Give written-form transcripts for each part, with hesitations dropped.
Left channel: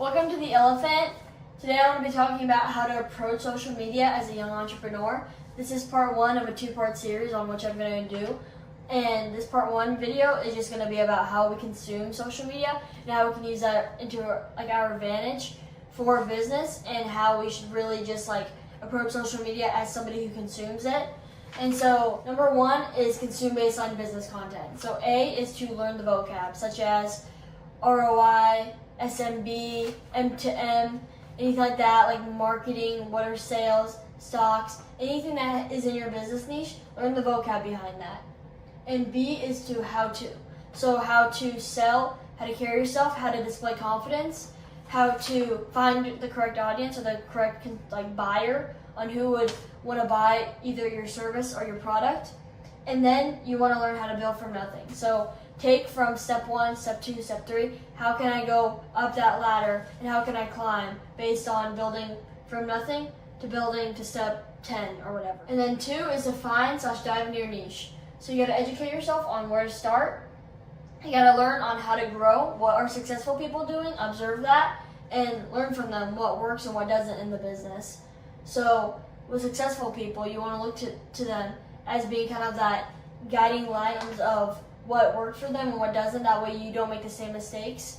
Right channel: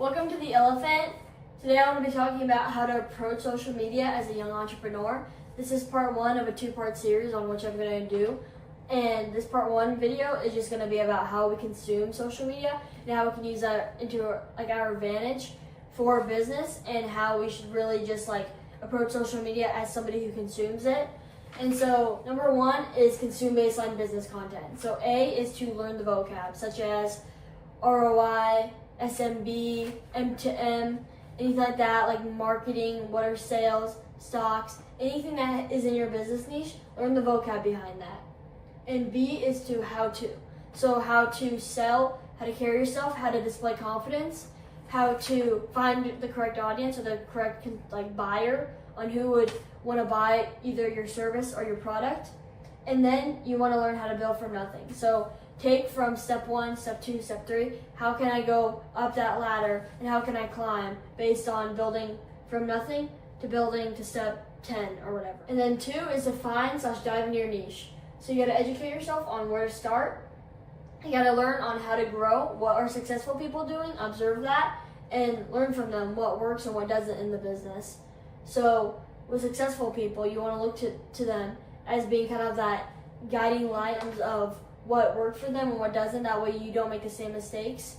Welcome to The Elephant. Today I'm going to be talking about how to approach social media as a young entrepreneur. This is part one of a two-part series on which I'm going to do. And this part one video is just going to be about how we consume social media and how we can use that into our advantage for business, and how we should really just approach social media as somebody who consumes it. And so number one is consume baseline business content. So A is to learn the vocab, such as ROI, SMB, M2M, anything like that, like marketing, what are sales, stocks, anything that is in your business niche, learn the vocab behind that. And B is to how to. So how to sell, how to carry yourself, how to display confidence, how to find the correct audience or the correct buyer on who would want to buy either your service or your product. And then you want to learn how to build from nothing. So take from step one, step two, step three, how can I go up that ladder and how can I climb based on building from nothing to building to step 10 or whatever. And then two is to find/dive into your niche. So you got to educate yourself on where to start. You got to learn on how to grow, what are successful people doing, observe that, and learn from them what works and what doesn't in the business. So with successful people, you want to look to them as being kind of that guiding light of what worked for them and what doesn't. That way you don't make the same mistakes.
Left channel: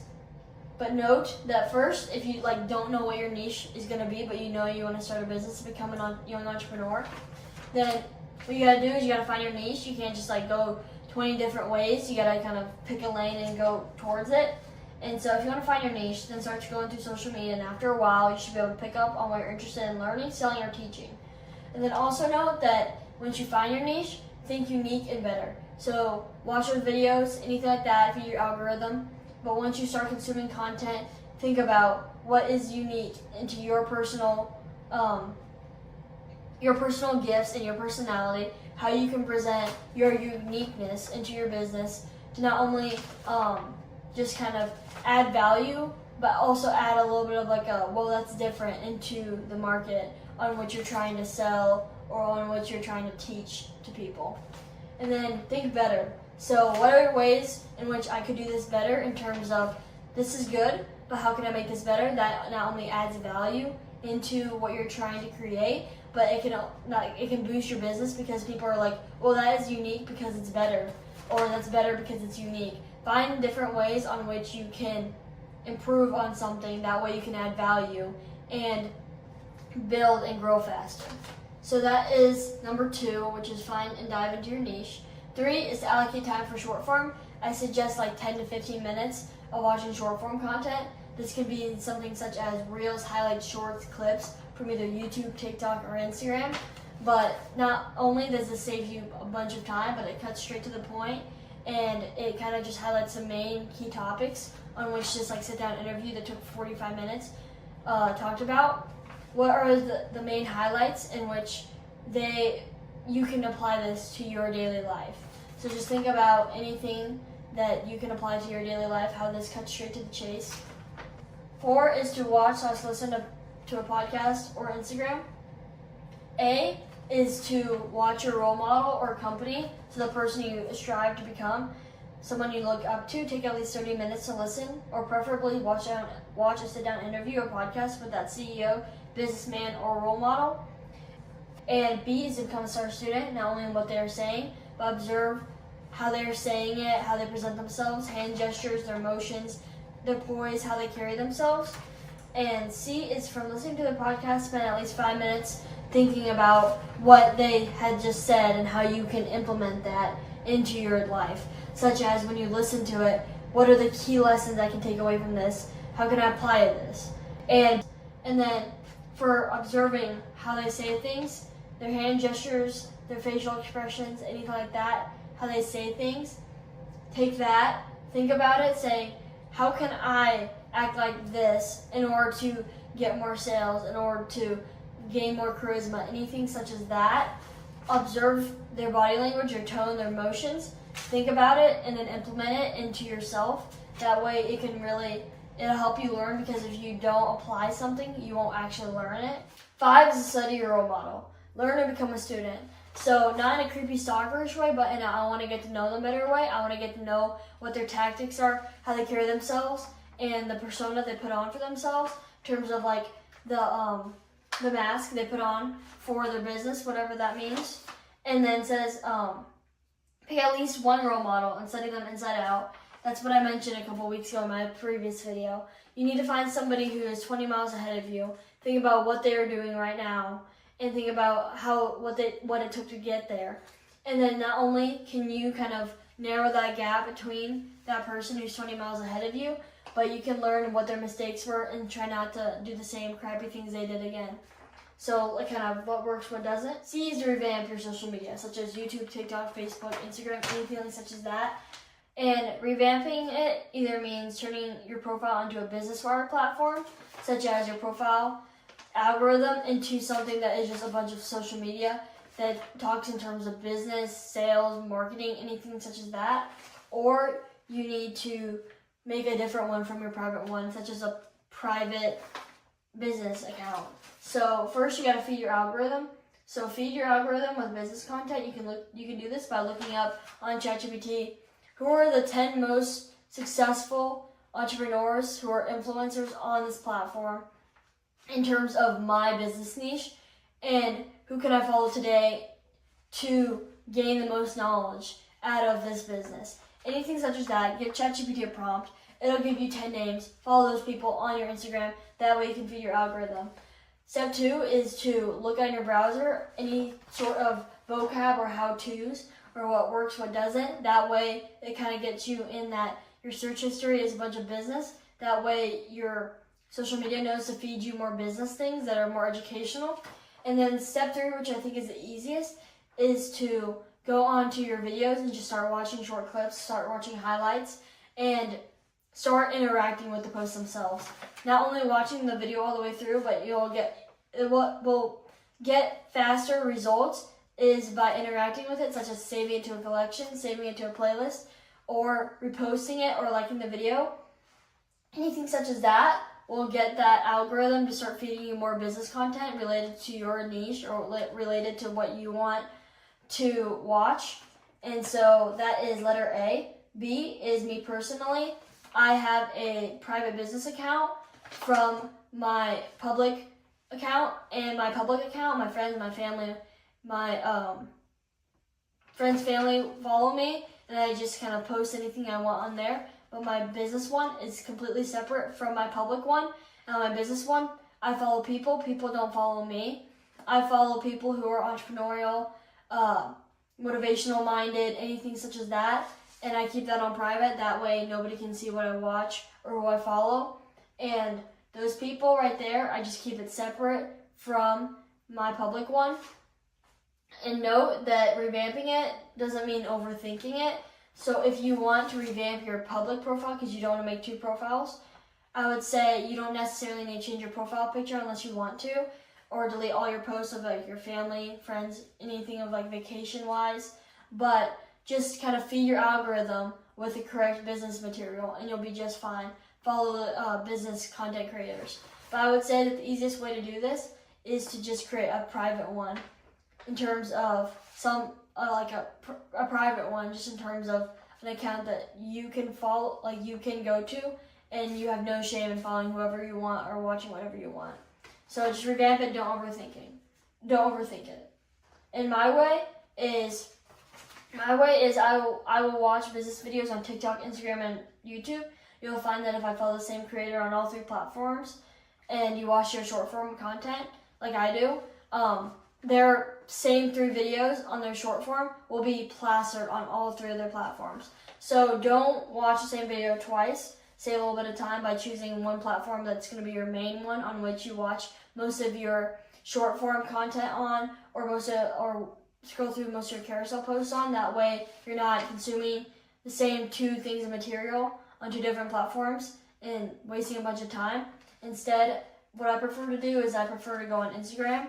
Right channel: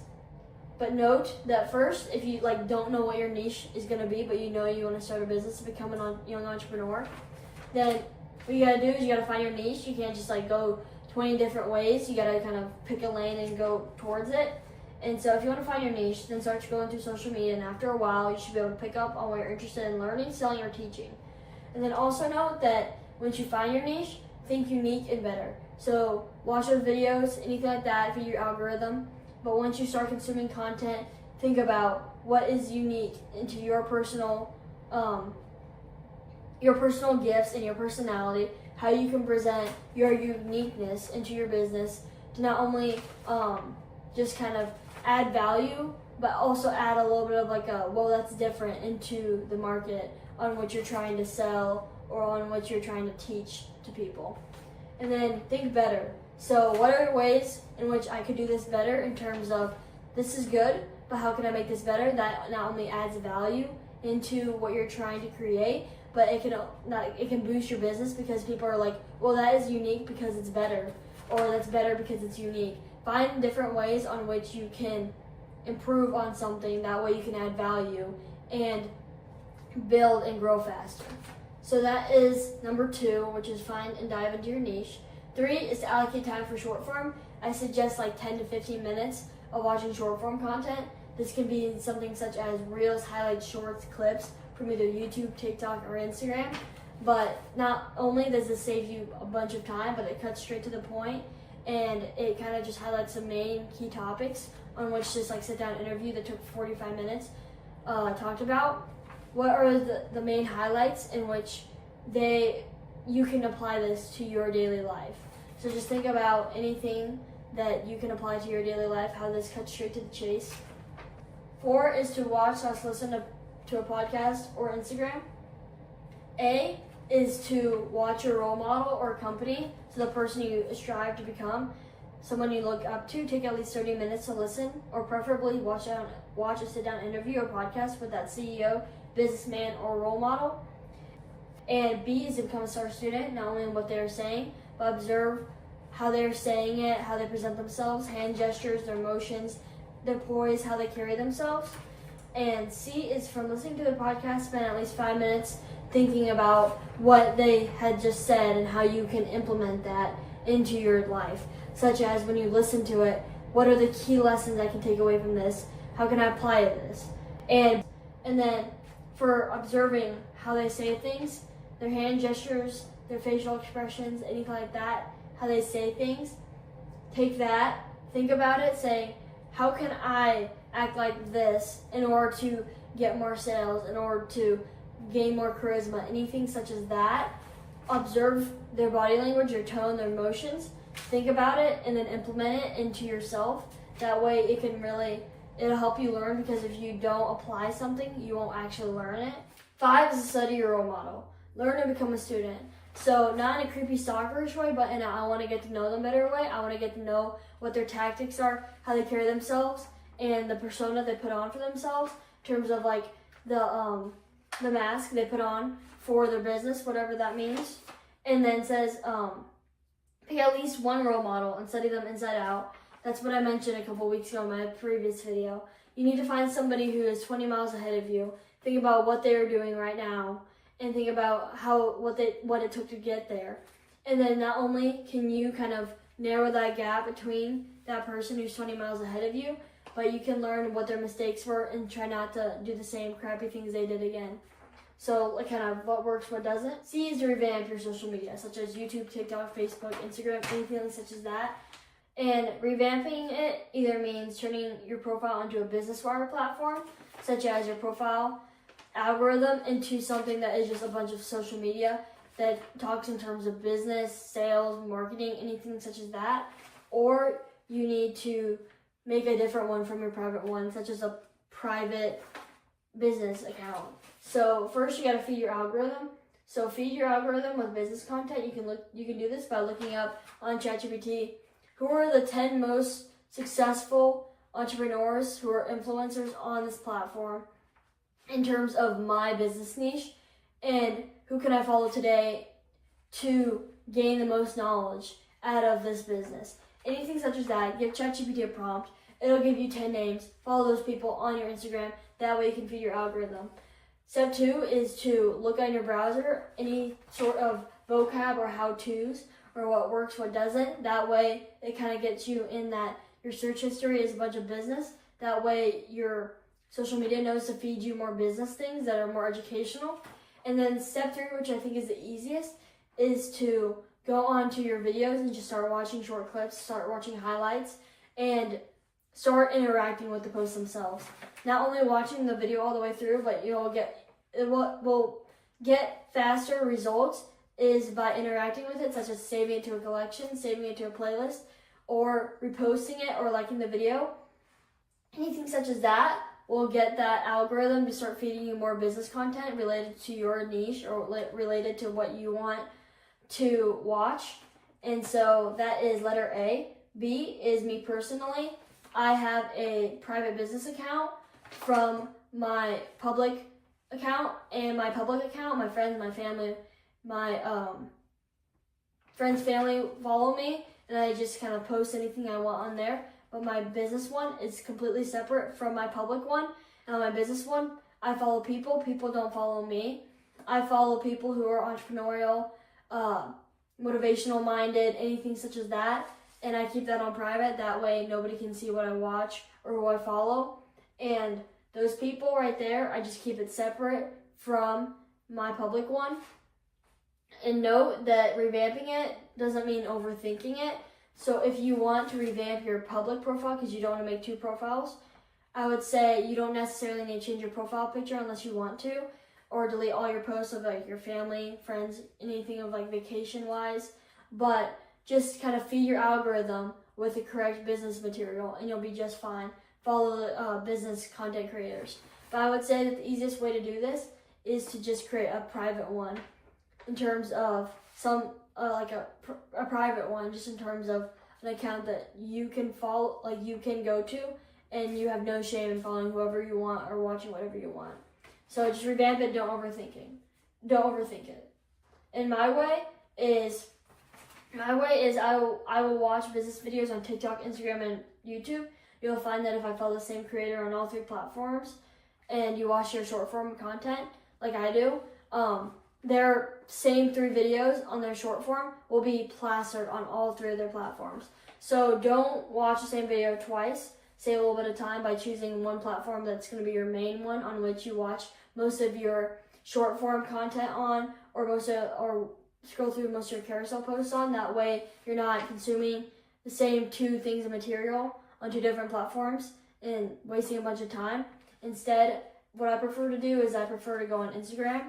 But note that first, if you don't know what your niche is going to be, but you know you want to start a business and become a young entrepreneur, then what you got to do is you got to find your niche. You can't just go 20 different ways. You got to kind of pick a lane and go towards it. And so if you want to find your niche, then start going through social media, and after a while you should be able to pick up on what you're interested in learning, selling, or teaching. And then also note that once you find your niche, think unique and better. So watch those videos, anything like that, feed your algorithm. But once you start consuming content, think about what is unique into your personal gifts and your personality, how you can present your uniqueness into your business to not only just kind of add value, but also add a little bit of that's different into the market on which you're trying to sell or on which you're trying to teach to people. And then think better. So what are ways in which I could do this better in terms of this is good, but how can I make this better? That not only adds value into what you're trying to create, but it can boost your business because people are like, well, that is unique because it's better, or that's better because it's unique. Find different ways on which you can improve on something. That way you can add value and build and grow faster. So that is number two, which is find and dive into your niche. Three is to allocate time for short form. I suggest 10 to 15 minutes of watching short form content. This can be something such as reels, highlights, shorts, clips from either YouTube, TikTok, or Instagram. But not only does this save you a bunch of time, but it cuts straight to the point, and it kind of just highlights the main key topics on which this sit down interview that took 45 minutes talked about. What are the main highlights in which you can apply this to your daily life? So just think about anything that you can apply to your daily life, how this cuts straight to the chase. 4 is to watch/listen to a podcast or Instagram. A is to watch your role model or company, so the person you strive to become, someone you look up to. Take at least 30 minutes to listen, or preferably watch a sit-down interview or podcast with that CEO, businessman, or role model. And B is to become a STAR student, not only in what they're saying, but observe how they're saying it, how they present themselves, hand gestures, their emotions, their poise, how they carry themselves. And C is from listening to the podcast, spend at least 5 minutes thinking about what they had just said and how you can implement that into your life. Such as when you listen to it, what are the key lessons I can take away from this? How can I apply this? And then for observing how they say things, their hand gestures, their facial expressions, anything like that, how they say things, take that, think about it, saying, how can I act like this in order to get more sales, in order to gain more charisma, anything such as that. Observe their body language, their tone, their emotions, think about it, and then implement it into yourself. That way it'll help you learn, because if you don't apply something, you won't actually learn it. 5 is to study your role model. Learn to become a student. So not in a creepy stalkerish way, but in a I want to get to know them better way. I want to get to know what their tactics are, how they carry themselves, and the persona they put on for themselves in terms of like the mask they put on for their business, whatever that means. And then says pick at least one role model and study them inside out. That's what I mentioned a couple weeks ago in my previous video. You need to find somebody who is 20 miles ahead of you. Think about what they are doing right now and think about what it took to get there. And then not only can you kind of narrow that gap between that person who's 20 miles ahead of you, but you can learn what their mistakes were and try not to do the same crappy things they did again. So like kind of what works, what doesn't. C is to revamp your social media, such as YouTube, TikTok, Facebook, Instagram, anything such as that. And revamping it either means turning your profile into a business-wire platform, such as your profile algorithm into something that is just a bunch of social media that talks in terms of business, sales, marketing, anything such as that. Or you need to make a different one from your private one, such as a private business account. So first you gotta feed your algorithm. So feed your algorithm with business content. You can do this by looking up on ChatGPT who are the 10 most successful entrepreneurs who are influencers on this platform in terms of my business niche, and who can I follow today to gain the most knowledge out of this business. Anything such as that, give ChatGPT a prompt. It'll give you 10 names. Follow those people on your Instagram. That way you can feed your algorithm. Step 2 is to look on your browser, any sort of vocab or how-tos, or what works, what doesn't. That way it kind of gets you in that your search history is a bunch of business. That way your social media knows to feed you more business things that are more educational. And then step 3, which I think is the easiest, is to go onto your videos and just start watching short clips, start watching highlights, and start interacting with the posts themselves. Not only watching the video all the way through, but what will get faster results is by interacting with it, such as saving it to a collection, saving it to a playlist, or reposting it or liking the video. Anything such as that will get that algorithm to start feeding you more business content related to your niche or related to what you want to watch. And so that is letter A. B is me personally. I have a private business account from my public account, and my public account, my friends, my family, my friends' family follow me, and I just kind of post anything I want on there. But my business one is completely separate from my public one. And on my business one, I follow people. People don't follow me. I follow people who are entrepreneurial, motivational minded, anything such as that. And I keep that on private. That way nobody can see what I watch or who I follow. And those people right there, I just keep it separate from my public one. And note that revamping it doesn't mean overthinking it. So if you want to revamp your public profile because you don't want to make 2 profiles, I would say you don't necessarily need to change your profile picture unless you want to, or delete all your posts of like your family, friends, anything of like vacation wise. But just kind of feed your algorithm with the correct business material and you'll be just fine. Follow business content creators. But I would say that the easiest way to do this is to just create a private one in terms of some like a private one, just in terms of an account that you can follow, like you can go to, and you have no shame in following whoever you want or watching whatever you want. So just revamp it. Don't overthink it. And my way is I will watch business videos on TikTok, Instagram, and YouTube. You'll find that if I follow the same creator on all 3 platforms, and you watch their short form content like I do, their same 3 videos on their short form will be plastered on all 3 of their platforms. So don't watch the same video twice. Save a little bit of time by choosing one platform that's going to be your main one on which you watch most of your short form content on, or scroll through most of your carousel posts on. That way you're not consuming the same 2 things of material on 2 different platforms and wasting a bunch of time. Instead, what I prefer to do is I prefer to go on Instagram.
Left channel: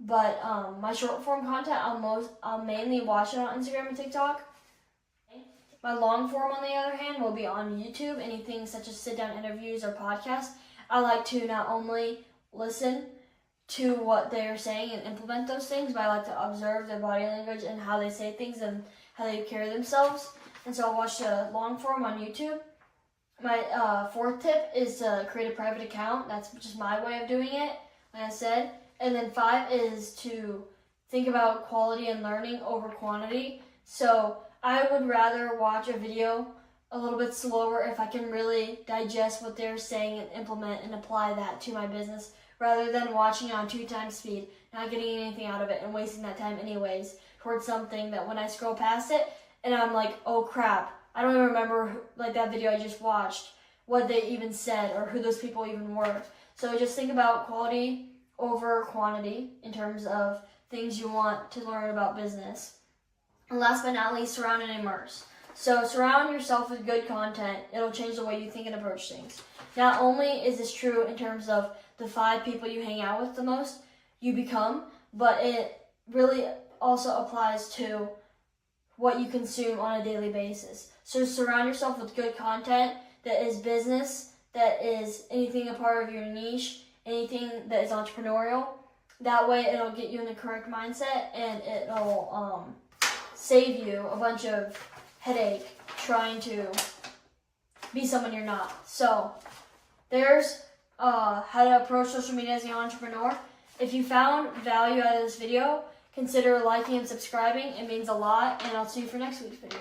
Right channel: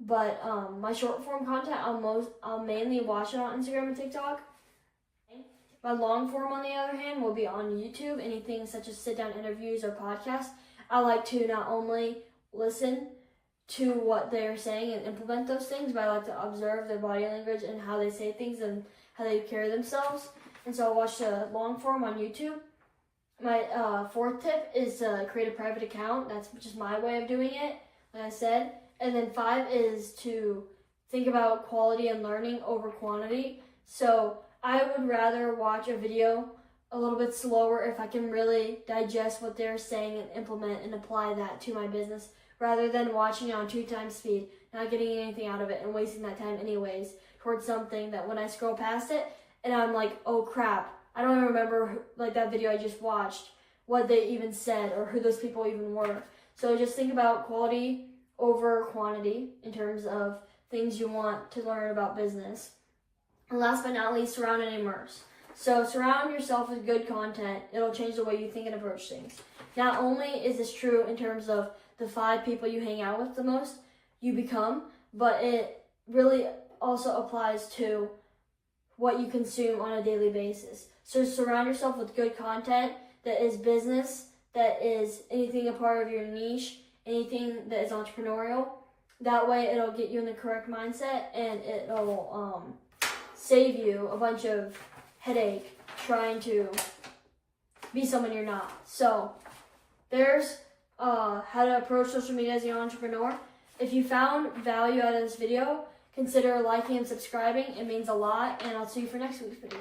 But my short form content, I'll mainly watch it on Instagram and TikTok. My long form, on the other hand, will be on YouTube. Anything such as sit down interviews or podcasts. I like to not only listen to what they're saying and implement those things, but I like to observe their body language and how they say things and how they carry themselves. And so I'll watch the long form on YouTube. my fourth tip is to create a private account. That's just my way of doing it, like I said. And then 5 is to think about quality and learning over quantity. So I would rather watch a video a little bit slower if I can really digest what they're saying and implement and apply that to my business, rather than watching on 2 times speed, not getting anything out of it and wasting that time anyways towards something that when I scroll past it and I'm like, oh crap, I don't even remember like that video I just watched, what they even said or who those people even were. So just think about quality over quantity in terms of things you want to learn about business. And last but not least, surround and immerse. So surround yourself with good content. It'll change the way you think and approach things. Not only is this true in terms of the 5 people you hang out with the most, you become, but it really also applies to what you consume on a daily basis. So surround yourself with good content that is business, that is anything a part of your niche, anything that is entrepreneurial. That way it'll get you in the correct mindset and it'll save you a bunch of headache trying to be someone you're not. So there's how to approach social media as an entrepreneur. If you found value out of this video, consider liking and subscribing. It means a lot, and I'll see you for next week's video.